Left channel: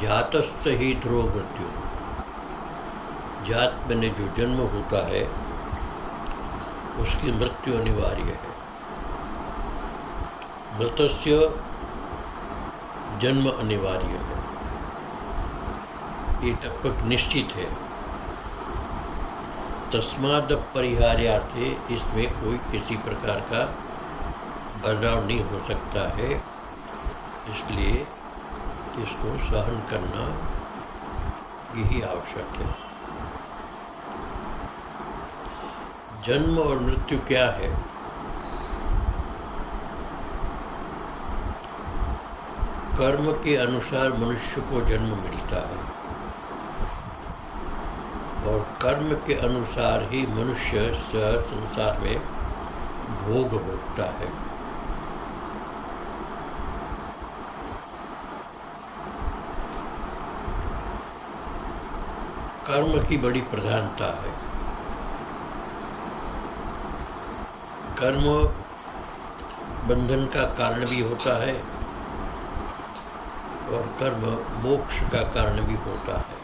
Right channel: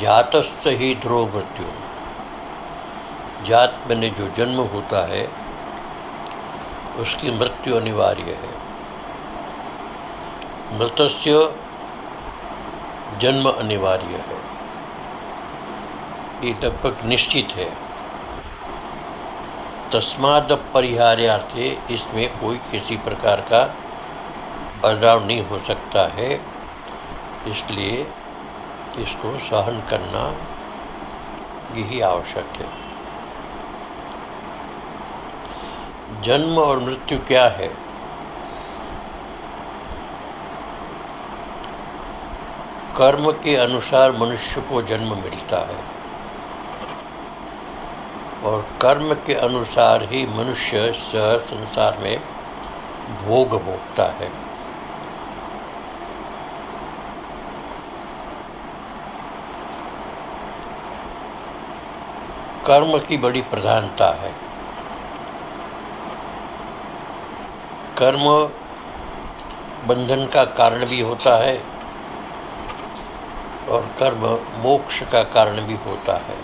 जातस्य ही ध्रुव मृत्यु। जात में जो जन्म होता है उसकी मृत्यु अनिवार्य है। मृतस्य जन्म अनिवार्य है, ये लगभग निश्चित है। तस्माद् परिहार्यार्थे इसमें कोई किसी प्रकार का बदलाव नहीं हो सकता है, इसलिए इसको सहन करना यही आवश्यक है। जन्म और मृत्यु क्या है? कर्म के अनुसार मनुष्य को जन्म मिलता है और कर्म के अनुसार ही मनुष्य संसार में भोग भोगता है। कर्म की बड़ी प्रधानता है। कर्म बंधन का कारण भी होता है और कर्म मोक्ष का कारण भी होता है।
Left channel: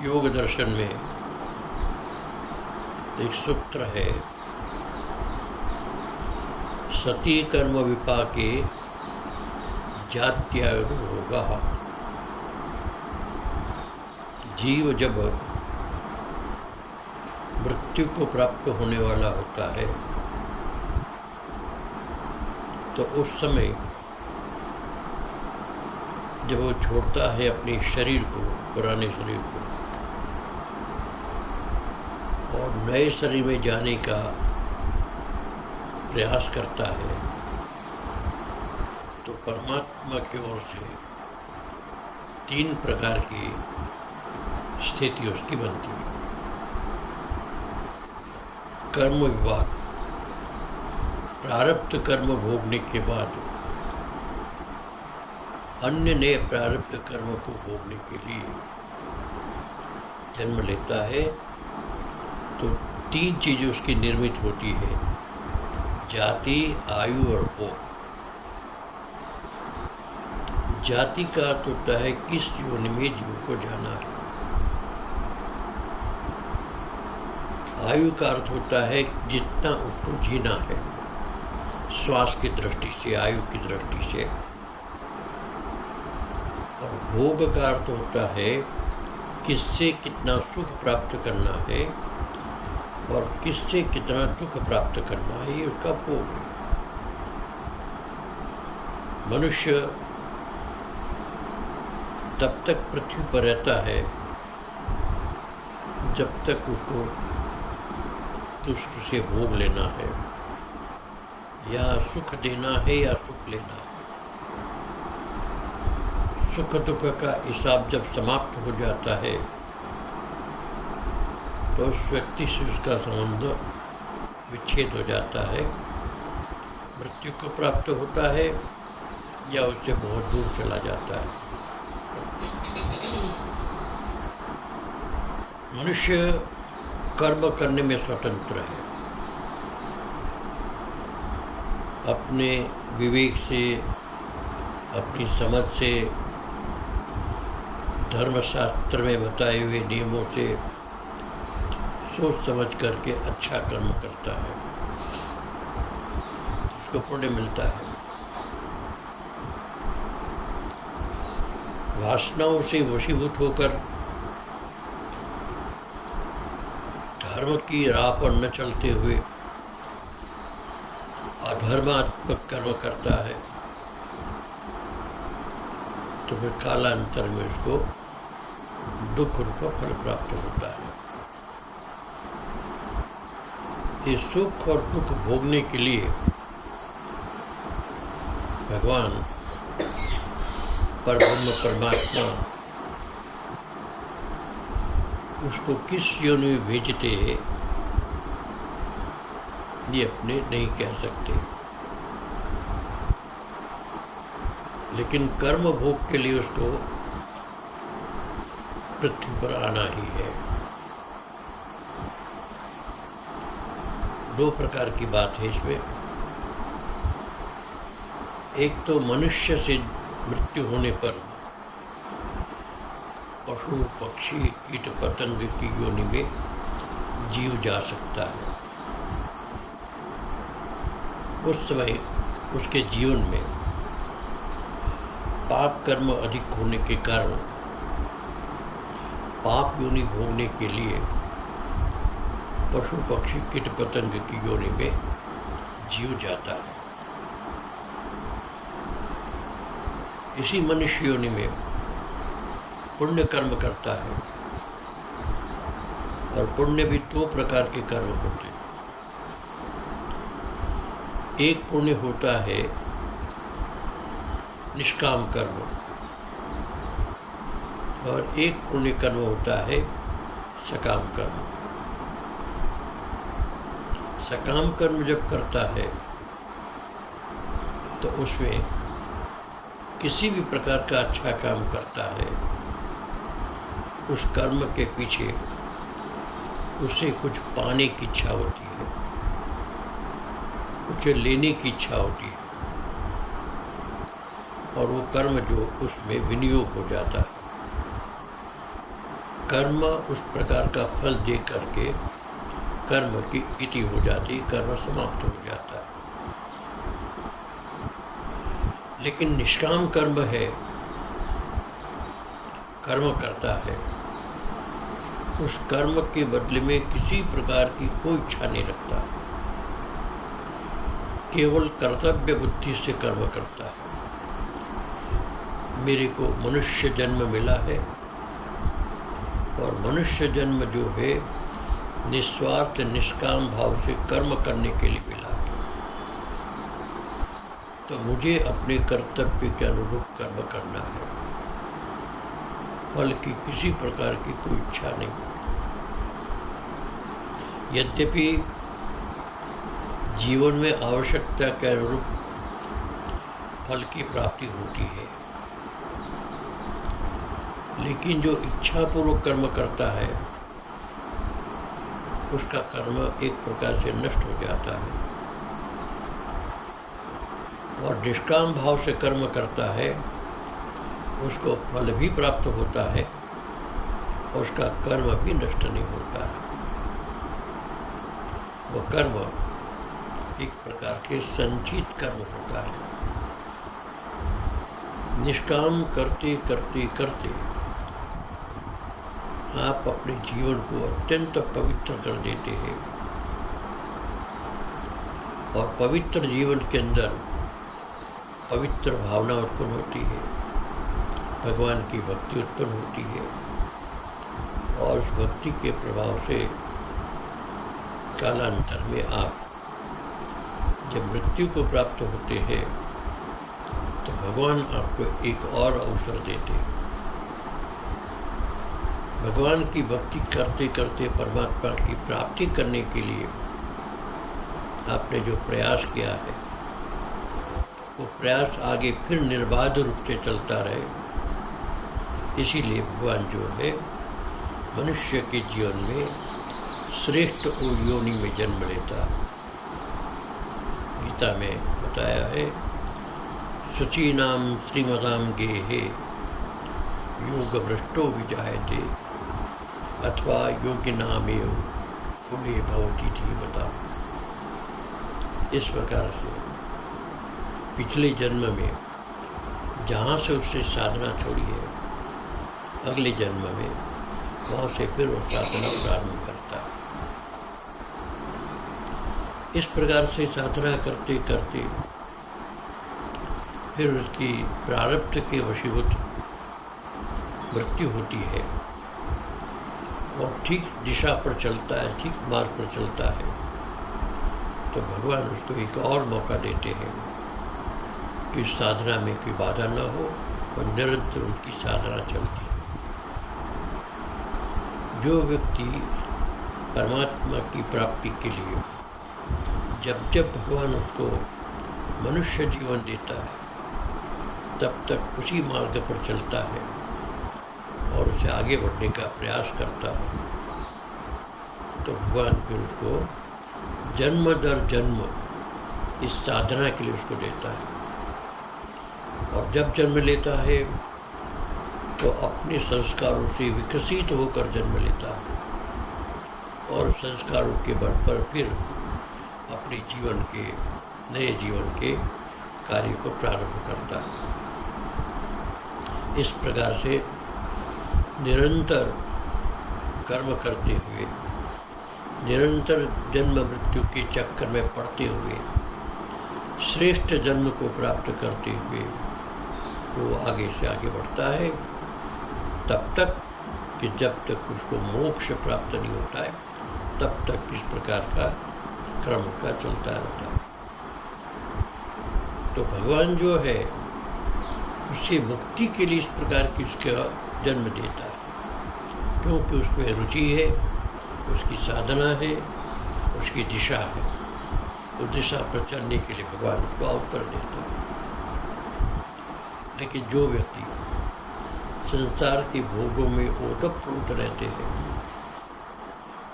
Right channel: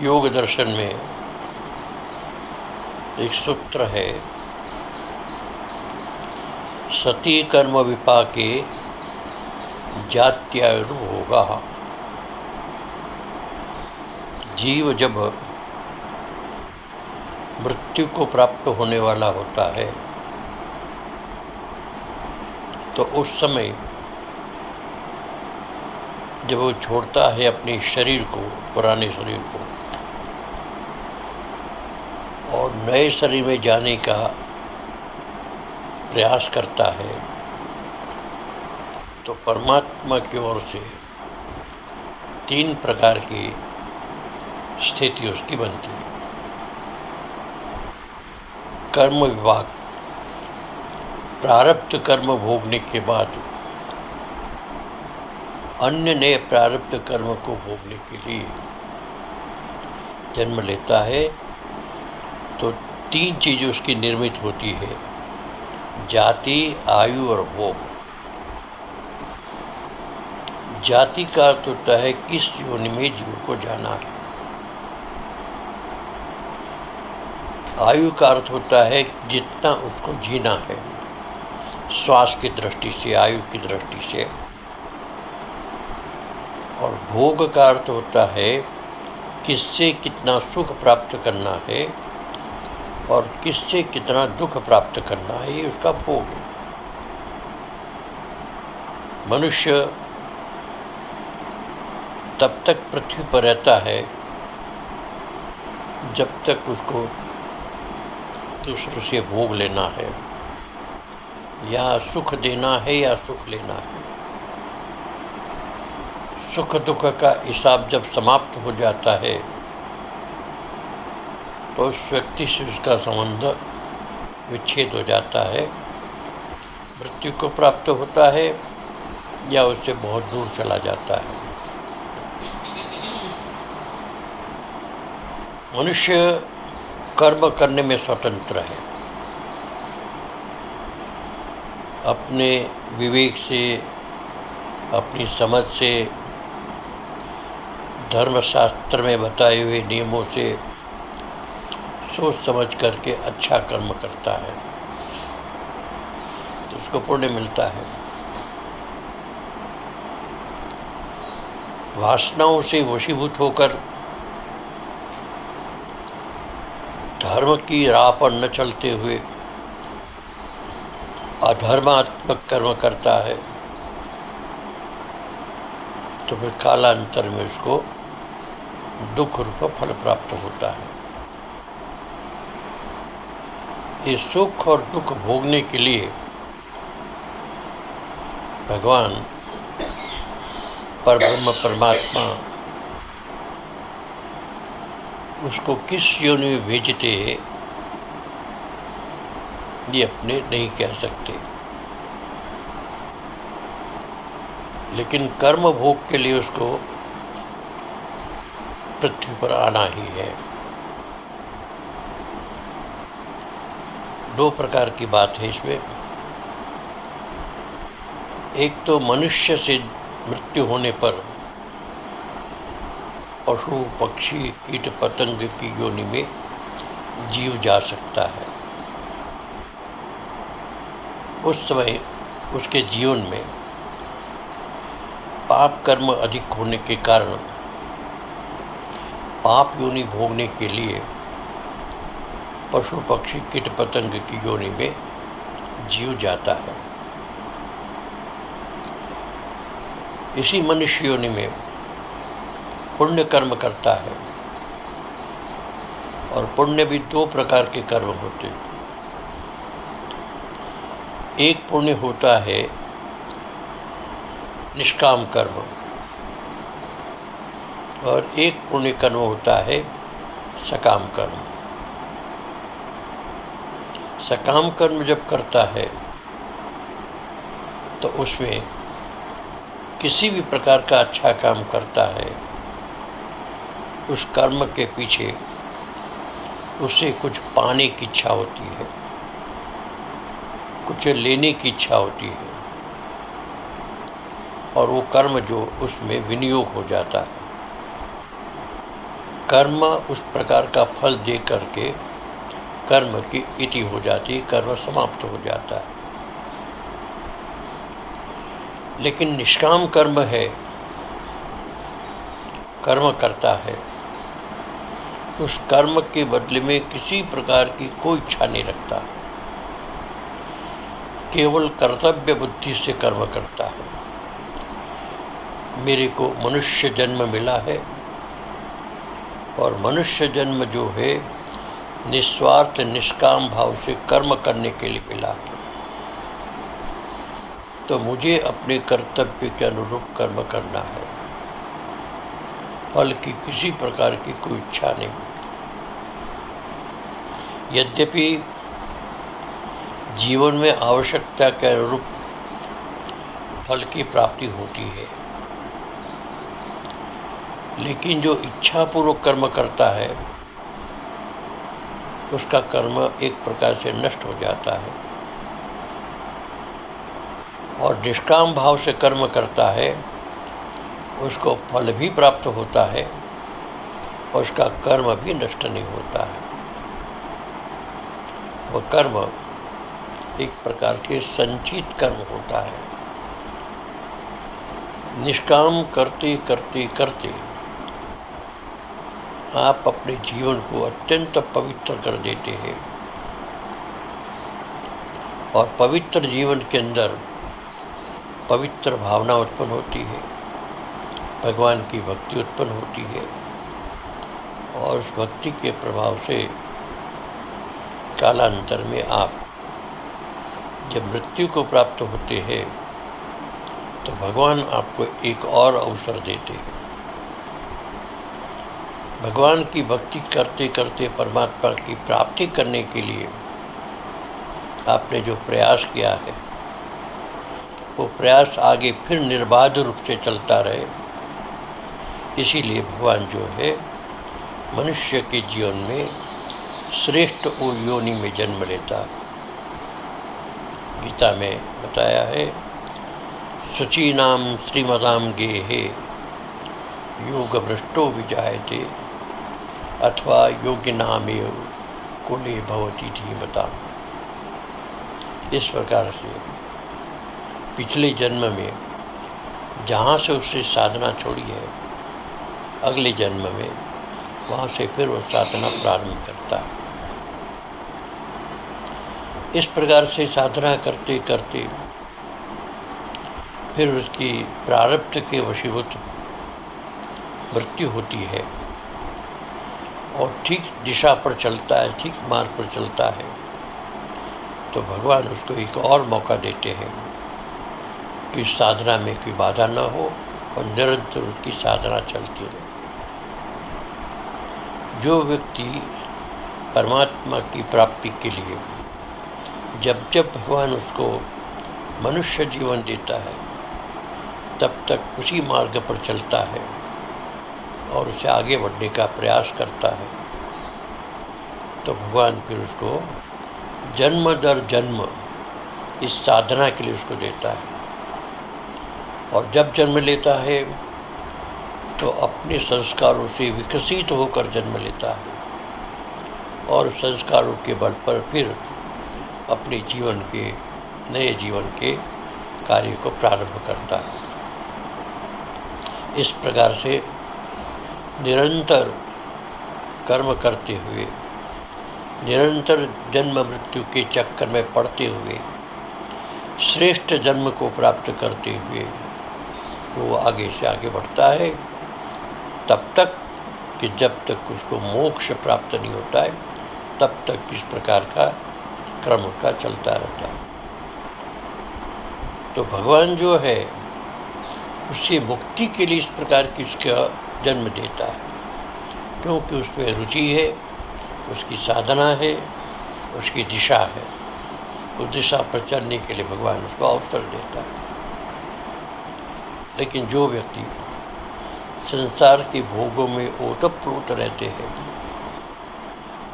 योग दर्शन में एक सूत्र है, सती कर्म विपाके जात्यायुर्भोगा। जीव जब मृत्यु को प्राप्त होने वाला होता है तो उस समय जब वो छोड़ता है अपने शरीर को, पुराने शरीर को, और नए शरीर में जाने का प्रयास करता है, तो परमात्मा की ओर से 3 प्रकार की स्थिति उसकी बनती है। कर्म विभाग, प्रारब्ध कर्म भोगने के बाद अन्य नए प्रारब्ध कर्म को भोगने के लिए जन्म लेता है, तो 3 चीज़ें उसकी निर्मित होती है, जाति, आयु और भोग। जाति का अर्थ होता है किस योनि में जीव को जाना है। आयु का अर्थ होता है जितना उसको जीना है, श्वास की दृष्टि से, आयु की दृष्टि से। और भोग का अर्थ होता है किससे कितना सुख प्राप्त करना है और किससे कितना दुख प्राप्त करना है, ये उसका भोग है। मनुष्य तब तक पृथ्वी पर रहता है जब तक उसको दूसरों से भोग लेना है, या सुख देना है या सुख लेना है। सुख दुख का हिसाब जब समाप्त हो जाता है तो उस व्यक्ति से उसका संबंध विच्छेद हो जाता है, मृत्यु को प्राप्त होता है या उससे बहुत दूर चला जाता है। मनुष्य कर्म करने में स्वतंत्र है। अपने विवेक से, अपनी समझ से, धर्मशास्त्र में बताए हुए नियमों से सोच समझ करके अच्छा कर्म करता है तो उसको पुण्य मिलता है। वासनाओं से वशीभूत होकर धर्म की राह पर न चलते हुए अधर्मात्मक कर्म करता है तो फिर कालांतर में उसको दुख रूप फल प्राप्त होता है। ये सुख और दुख भोगने के लिए भगवान परब्रह्म परमात्मा उसको किस योनि में भेजते ये अपने नहीं कह सकते, लेकिन कर्म भोग के लिए उसको पृथ्वी पर आना ही है। दो प्रकार की बात है इसमें। एक तो मनुष्य से मृत्यु होने पर पशु पक्षी कीट पतंग की योनि में जीव जा सकता है। उस समय उसके जीवन में पाप कर्म अधिक होने के कारण पाप योनि भोगने के लिए पशु पक्षी कीट पतंग की योनि में जीव जाता है। इसी मनुष्य योनि में पुण्य कर्म करता है, और पुण्य भी दो प्रकार के कर्म होते हैं। एक पुण्य होता है निष्काम कर्म, और एक पुण्य कर्म होता है सकाम कर्म। सकाम कर्म जब करता है तो उसमें किसी भी प्रकार का अच्छा काम करता है, उस कर्म के पीछे उसे कुछ पाने की इच्छा होती है, कुछ लेने की इच्छा होती है, और वो कर्म जो उसमें विनियोग हो जाता है। कर्म उस प्रकार का फल दे करके कर्म की इति हो जाती, कर्म समाप्त हो जाता है। लेकिन निष्काम कर्म है, कर्म करता है, उस कर्म के बदले में किसी प्रकार की कोई इच्छा नहीं रखता, केवल कर्तव्य बुद्धि से कर्म करता है। मेरे को मनुष्य जन्म मिला है, और मनुष्य जन्म जो है निस्वार्थ निष्काम भाव से कर्म करने के लिए मिला है, तो मुझे अपने कर्तव्य के अनुरूप कर्म करना है। फल की किसी प्रकार की कोई इच्छा नहीं। यद्यपि जीवन में आवश्यकता के अनुरूप फल की प्राप्ति होती है, लेकिन जो इच्छापूर्वक कर्म करता है उसका कर्म एक प्रकार से नष्ट हो जाता है, और निष्काम भाव से कर्म करता है उसको फल भी प्राप्त होता है, और उसका कर्म भी नष्ट नहीं होता है। वह कर्म एक प्रकार के संचित कर्म होता है। निष्काम करते करते करते आप अपने जीवन को अत्यंत पवित्र कर देते हैं, और पवित्र जीवन के अंदर पवित्र भावना उत्पन्न होती है, भगवान की भक्ति उत्पन्न होती है, और उस भक्ति के प्रभाव से कालांतर में आप जब मृत्यु को प्राप्त होते हैं तो भगवान आपको एक और अवसर देते हैं। भगवान की भक्ति करते करते परमात्मा की प्राप्ति करने के लिए आपने जो प्रयास किया है, वो प्रयास आगे फिर निर्बाध रूप से चलता रहे। इसीलिए भगवान जो है मनुष्य के जीवन में श्रेष्ठ योनि में जन्म लेता है। गीता में बताया है, शुचीनाम श्रीमताम गेहे योग भ्रष्टो विजायते अथवा योगिनामेव कुले भवति धीमताम्। इस प्रकार से पिछले जन्म में जहाँ से उससे साधना छोड़ी है, अगले जन्म में वहाँ से फिर वो साधना प्रारंभ करता है। इस प्रकार से साधना करते करते फिर उसकी प्रारब्ध के वशीभूत मृत्यु होती है, और ठीक दिशा पर चलता है, ठीक मार्ग पर चलता है, तो भगवान उसको एक और मौका देते हैं कि साधना में कोई बाधा न हो और निरंतर उसकी साधना चलती रहे। जो व्यक्ति परमात्मा की प्राप्ति के लिए जब जब भगवान उसको मनुष्य जीवन देता है, तब तक उसी मार्ग पर चलता है और उसे आगे बढ़ने का प्रयास करता है, तो भगवान फिर उसको जन्म दर जन्म इस साधना के लिए उसको देता है। और जब जन्म लेता है तो अपने संस्कारों से विकसित होकर जन्म लेता है और संस्कारों के बल पर फिर अपने जीवन के नए जीवन के कार्य को प्रारंभ करता है। इस प्रकार से निरंतर कर्म करते हुए, निरंतर जन्म मृत्यु के चक्कर में पड़ते हुए, श्रेष्ठ जन्म को प्राप्त करते हुए वो आगे से आगे बढ़ता है, तब तक कि जब तक उसको मोक्ष प्राप्त नहीं होता है, तब तक इस प्रकार का क्रम का चलता रहता है। तो भगवान जो है उसे मुक्ति के लिए इस प्रकार की उसका जन्म देता है, क्योंकि उसमें रुचि है, उसकी साधना है, उसकी दिशा है। उस दिशा पर चलने के लिए भगवान उसको अवसर देता है। लेकिन जो व्यक्ति संसार के भोगों में ओतप्रोत रहते हैं,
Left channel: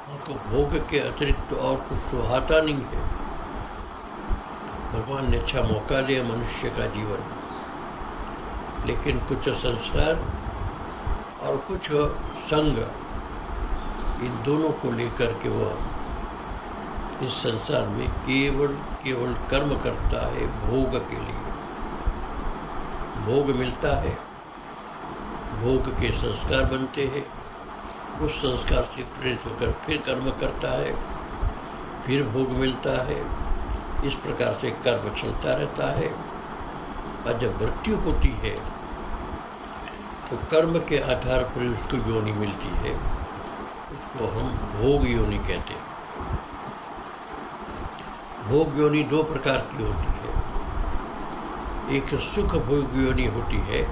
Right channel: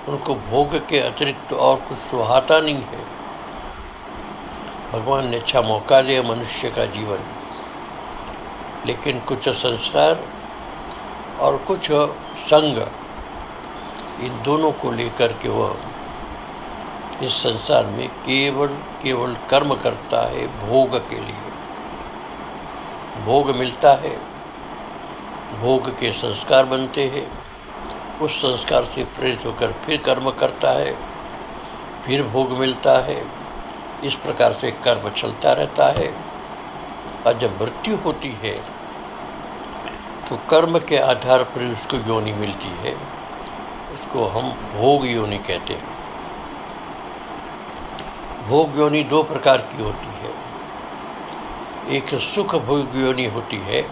उनको भोग के अतिरिक्त और कुछ सुहाता नहीं है। भगवान ने अच्छा मौका दिया मनुष्य का जीवन, लेकिन कुछ संस्कार और कुछ संग, इन दोनों को लेकर के वह इस संसार में केवल कर्म करता है। भोग के लिए भोग मिलता है, भोग के संस्कार बनते हैं, उस संस्कार से प्रेरित होकर फिर कर्म करता है, फिर भोग मिलता है। इस प्रकार से कर्म चलता रहता है। और जब मृत्यु होती है तो कर्म के आधार पर उसको योनि मिलती है, उसको हम भोग योनि कहते हैं। भोग योनि दो प्रकार की होती है, एक सुख भोग योनि होती है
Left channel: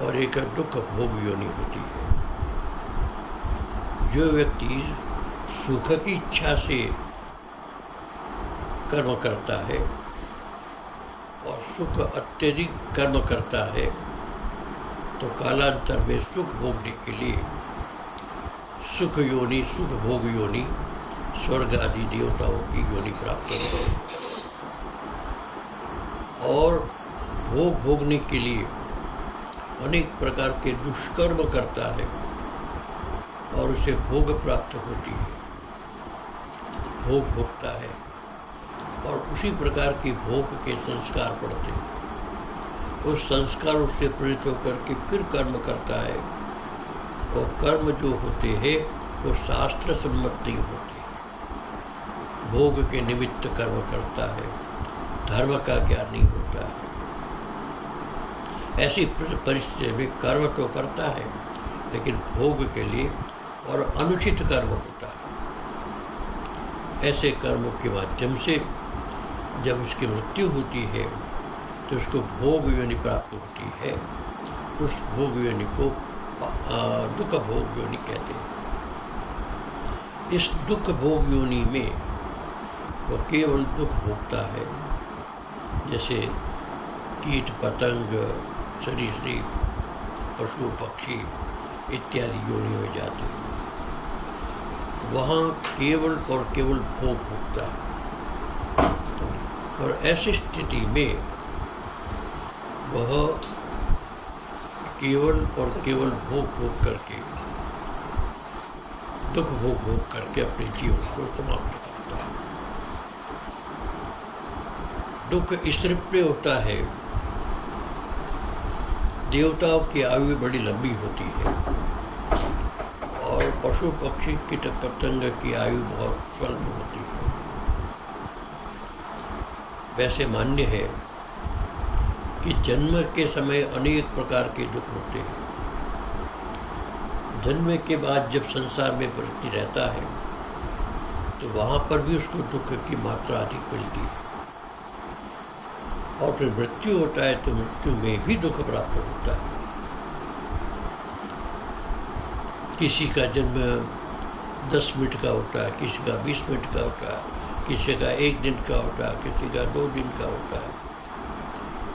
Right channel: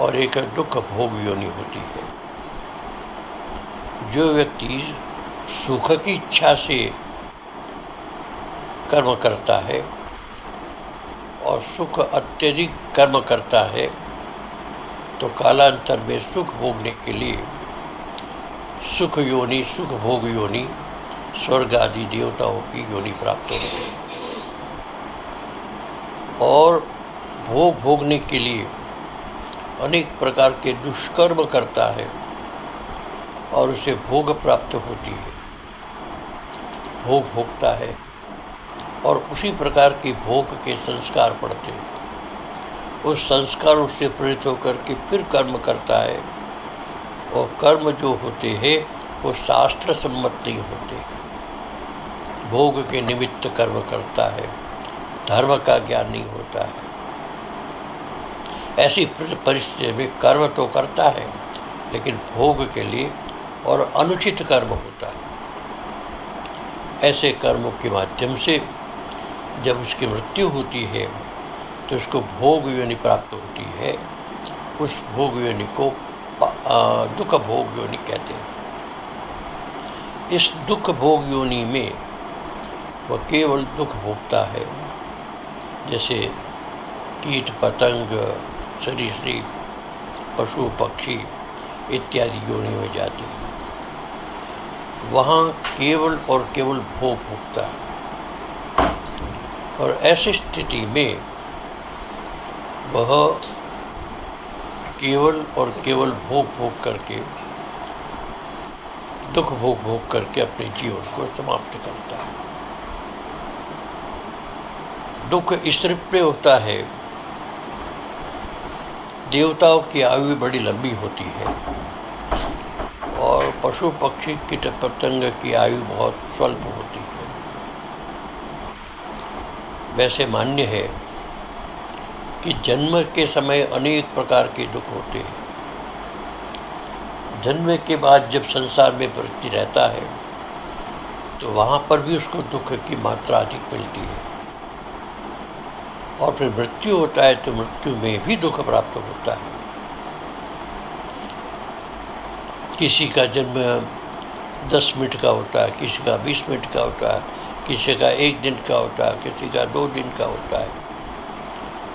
और एक दुख भोग योनि होती है। जो व्यक्ति सुख की इच्छा से कर्म करता है और सुख अत्यधिक कर्म करता है, तो कालांतर में सुख भोगने के लिए सुख योनि, सुख भोग योनि, स्वर्ग आदि देवताओं की योनि प्राप्त होती है। और भोग भोगने के लिए अनेक प्रकार के दुष्कर्म करता है और उसे भोग प्राप्त होती है, भोग भोगता है और उसी प्रकार के भोग के संस्कार पड़ते हैं। उस संस्कारों से प्रेरित होकर के फिर कर्म करता है, और कर्म जो होते हैं वो शास्त्र सम्मत नहीं होते। भोग के निमित्त कर्म करता है, धर्म का ज्ञान नहीं होता है। ऐसी परिस्थिति में कर्म तो करता है, लेकिन भोग के लिए और अनुचित कर्म होता है। ऐसे कर्मों के माध्यम से जब उसकी मृत्यु होती है तो उसको भोग योनि प्राप्त होती है। उस भोग योनि को दुख भोग योनि कहते हैं। इस दुख भोग योनि में वह केवल दुख भोगता है, जैसे कीट पतंग, सरीसृप, पशु पक्षी इत्यादि योनि में जाते हैं। वहाँ केवल और केवल भोग भोगता है। और ऐसी स्थिति में वह केवल और केवल भोग भोग करके, दुख भोग भोग करके अपने जीवन को समाप्त करता है। दुख इस रूप में होता है, देवताओं की आयु बड़ी लंबी होती है और पशु पक्षी कीट पतंग की आयु बहुत स्वल्प होती है। वैसे मान्य है कि जन्म के समय अनेक प्रकार के दुख होते हैं। जन्म के बाद जब संसार में व्यक्ति रहता है तो वहाँ पर भी उसको दुख की मात्रा अधिक मिलती है, और फिर मृत्यु होता है तो मृत्यु में भी दुख प्राप्त होता है। किसी का जन्म 10 मिनट का होता है, किसी का 20 मिनट का होता है, किसी का 1 दिन का होता है, किसी का 2 दिन का होता है।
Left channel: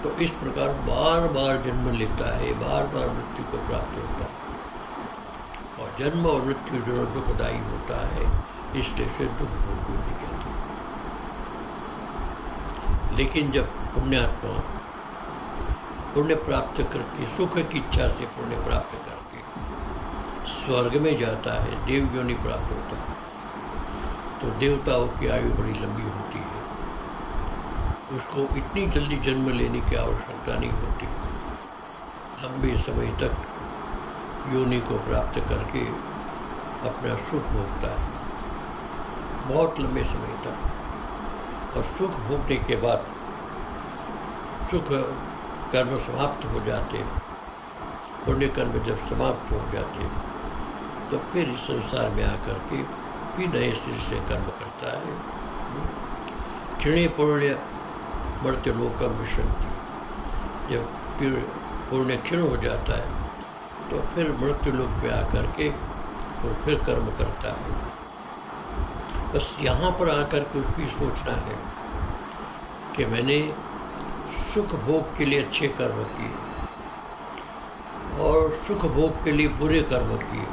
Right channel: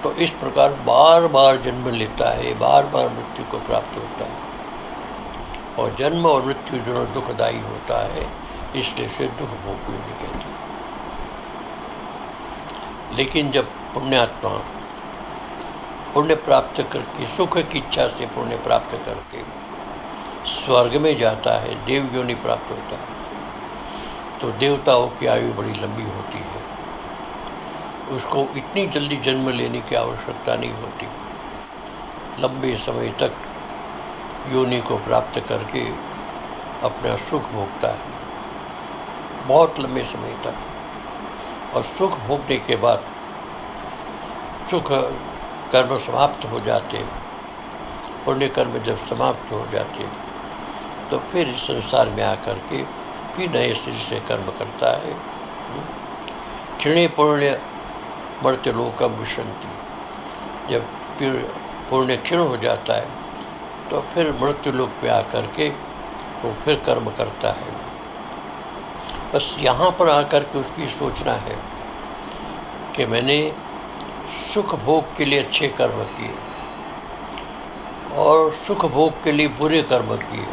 तो इस प्रकार बार बार जन्म लेता है, बार बार मृत्यु को प्राप्त होता है। और जन्म और मृत्यु दोनों दुखदायी होता है, इसलिए से दुख भोग योनि कहते हैं। लेकिन जब पुण्यात्मा पुण्य प्राप्त करके, सुख की इच्छा से पुण्य प्राप्त करके स्वर्ग में जाता है, देव योनि प्राप्त होता है, तो देवताओं की आयु बड़ी लंबी होती है। उसको इतनी जल्दी जन्म लेने की आवश्यकता नहीं होती। लंबे समय तक योनि को प्राप्त करके अपना सुख भोगता है, बहुत लंबे समय तक। और सुख भोगने के बाद सुख कर्म समाप्त हो जाते, पुण्य कर्म जब समाप्त हो जाते, तो फिर इस संसार में आकर के फिर नए सिर से कर्म करता है। क्षीणे पुण्य मर्त्यलोकम विशंति, जब फिर पुण्य क्षीण हो जाता है तो फिर मृत्युलोक में आकर के वो फिर कर्म करता है। बस यहाँ पर आकर के उसकी सोचना है कि मैंने सुख भोग के लिए अच्छे कर्म किए और सुख भोग के लिए बुरे कर्म किए,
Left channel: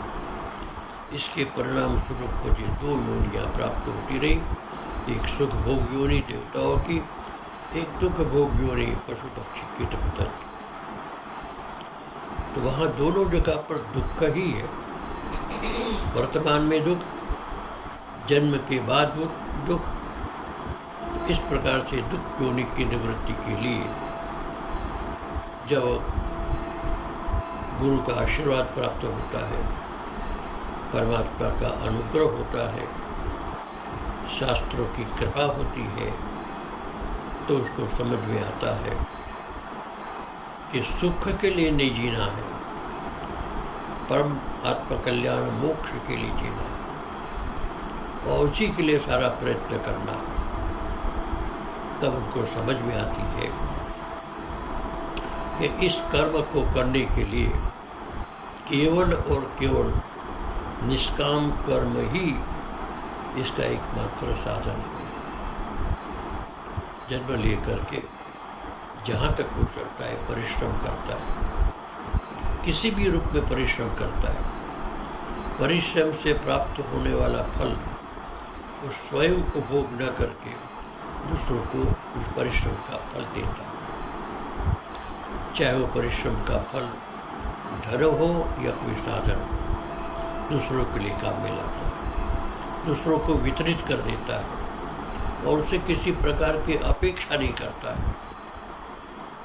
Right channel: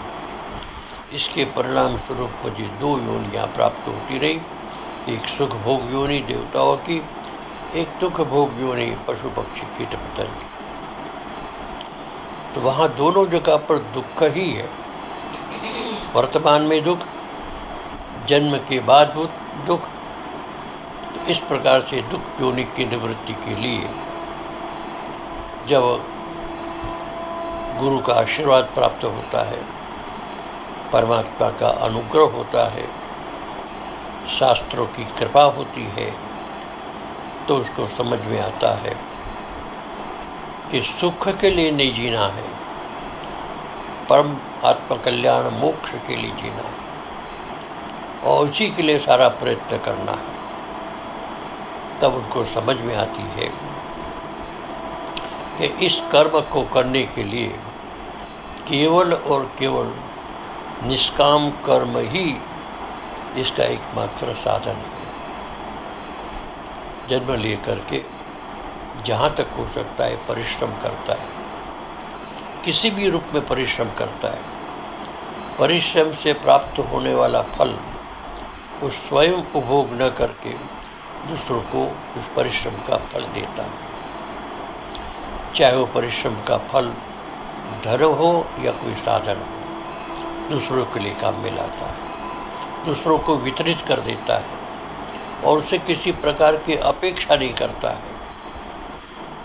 इसके परिणाम स्वरूप मुझे दो योनियाँ प्राप्त होती रही, एक सुख भोग योनि देवताओं की, एक दुख भोग योनि पशु पक्षी कीट पतंग। तो वहाँ दोनों जगह पर दुख ही है। वर्तमान में दुख, जन्म के बाद दुख। तो इस प्रकार से दुख योनि की निवृत्ति के लिए जब गुरु का आशीर्वाद प्राप्त होता है, परमात्मा का अनुग्रह होता है, शास्त्रों की कृपा होती है, तो उसको समझ में आता है कि सुख के लिए नहीं जीना है, परम आत्मकल्याण मोक्ष के लिए जीना है और उसी के लिए सारा प्रयत्न करना है। तब उनको समझ में आती है कि इस कर्म को करने के लिए केवल और केवल निष्काम कर्म ही इसका एकमात्र साधन है। जन्म लेकर के जहाँ तक हो सकता है परिश्रम करता है, किसी भी रूप में परिश्रम करता है। परिश्रम से प्राप्त होने वाला फल वो स्वयं उपभोग न करके दूसरों को उस परिश्रम का फल देता है। चाहे वो परिश्रम का फल धन हो या कोई साधन हो, दूसरों के लिए काम में लाता है, दूसरों को वितरित कर देता है और उससे किसी प्रकार की अपेक्षा नहीं करता है,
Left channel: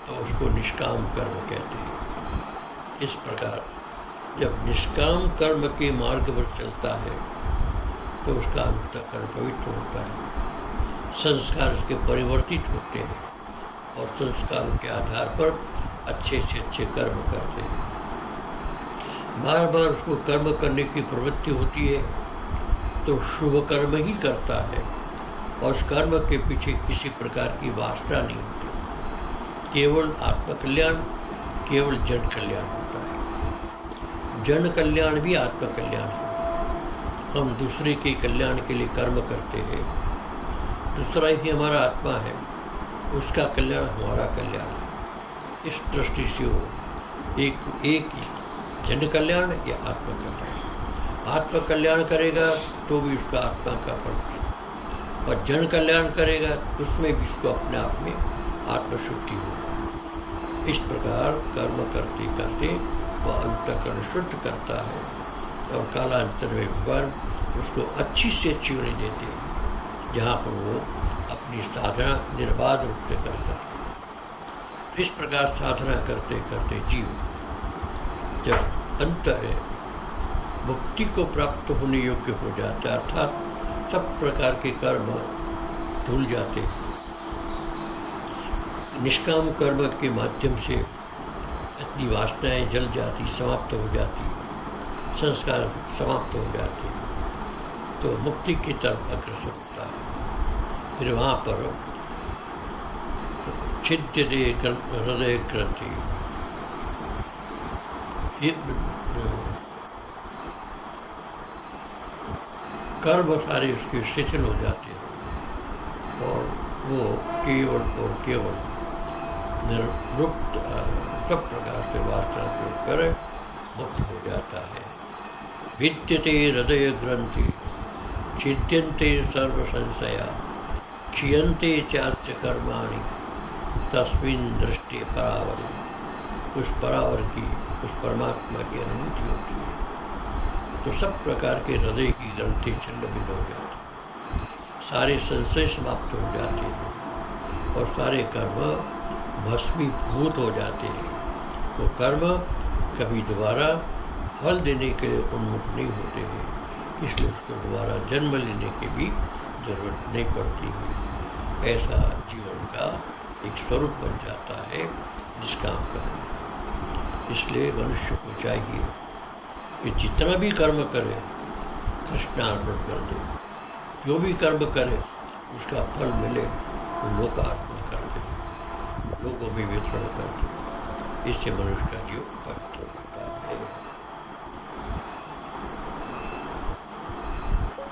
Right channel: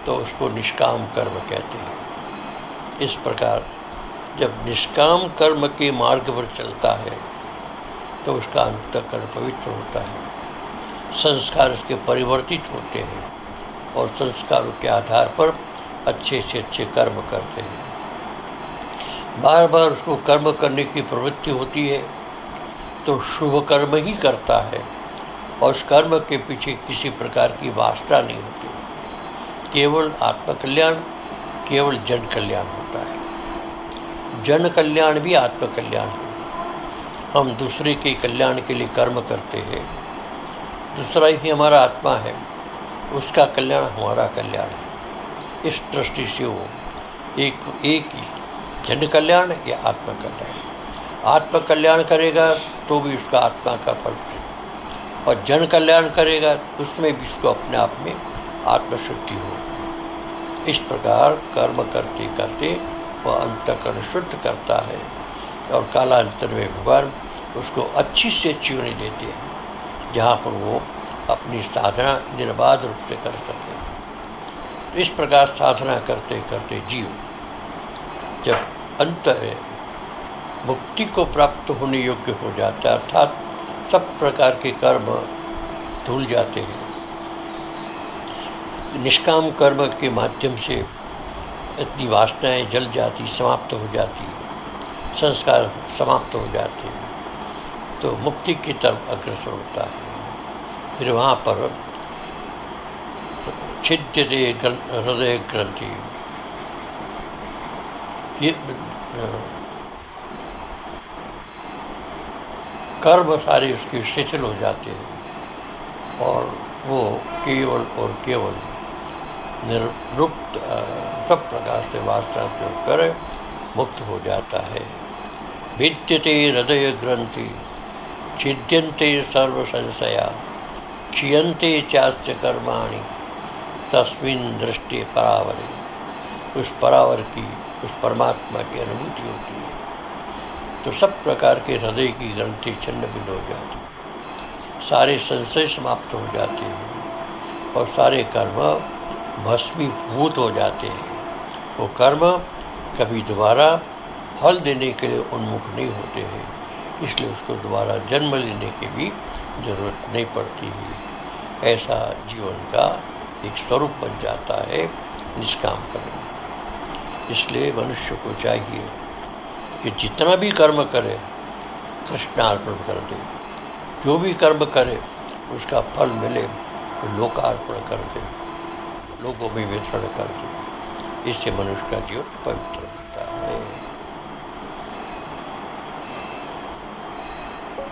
तो उसको निष्काम कर्म कहते हैं। इस प्रकार जब निष्काम कर्म के मार्ग पर चलता है तो उसका अंतःकरण पवित्र होता है, संस्कार उसके परिवर्तित होते हैं और संस्कारों के आधार पर अच्छे से अच्छे कर्म करते हैं। बार बार उसको कर्म करने की प्रवृत्ति होती है तो शुभ कर्म ही करता है और उस कर्म के पीछे किसी प्रकार की वासना नहीं होती। केवल आत्मकल्याण, केवल जन कल्याण होता है। जन कल्याण भी आत्मकल्याण है। हम दूसरे के कल्याण के लिए कर्म करते हैं, दूसरा ही हमारा आत्मा है, उसका कल्याण हमारा कल्याण है। इस दृष्टि से वो एक ही जन कल्याण या आत्मकल्याण। आत्मकल्याण करेगा तो भी उसका आत्मा का फल है और जन कल्याण करेगा उसमें भी उसको अपने आप में आत्मशुद्धि हो। इस प्रकार कर्म करते करते वह अंतःकरण शुद्ध करता है और कालांतर में भगवान उसको अच्छी से अच्छी योनि देते हैं जहाँ पर वो अपनी साधना निर्बाध रूप से कर सके। तो इस प्रकार साधना करते करते जीव जब अंत है मुक्ति को प्राप्त होने योग्य हो जाता है, अर्थात सब प्रकार के कर्म धुल जाते हैं। निष्काम कर्म के माध्यम से इतनी वासनाएं जल जाती, समाप्त हो जाती है, संस्कार समाप्त हो जाते हैं, तो मुक्ति की तरफ अग्रसर होता है। फिर वहाँ पर छिद्यते हृदय ग्रंथि, ये कर्म सारे उसके शिथिल हो जाते हैं और वो केवल और केवल निर्लुप्त सब प्रकार से वासना से होकर मुक्त हो जाता है। भिद्यते हृदय ग्रंथि छिद्यन्ते सर्व संशया क्षीयन्ते चास्य कर्माणि तस्मिन् दृष्टि परावरे। उस परावर की, उस परमात्मा की अनुभूति होती है तो सब प्रकार के हृदय की ग्रंथि छिन्न भिन्न हो जाती, सारे संशय समाप्त हो जाते हैं और सारे कर्म भस्मीभूत हो जाते हैं। वो कर्म कभी दोबारा फल देने के लिए उन्मुख नहीं होते हैं, इसलिए उसको दोबारा जन्म लेने की भी जरूरत नहीं पड़ती है। ऐसा जीवन का एक स्वरूप बन जाता है निष्काम कर्म। इसलिए मनुष्य को चाहिए कि जितना भी कर्म करे कृष्णार्पण कर दे, जो भी कर्म करे उसका फल मिले तो लोकार्पण कर दे, लोगों में वितरण कर दे। इससे मनुष्य का जीवन पवित्र होता है।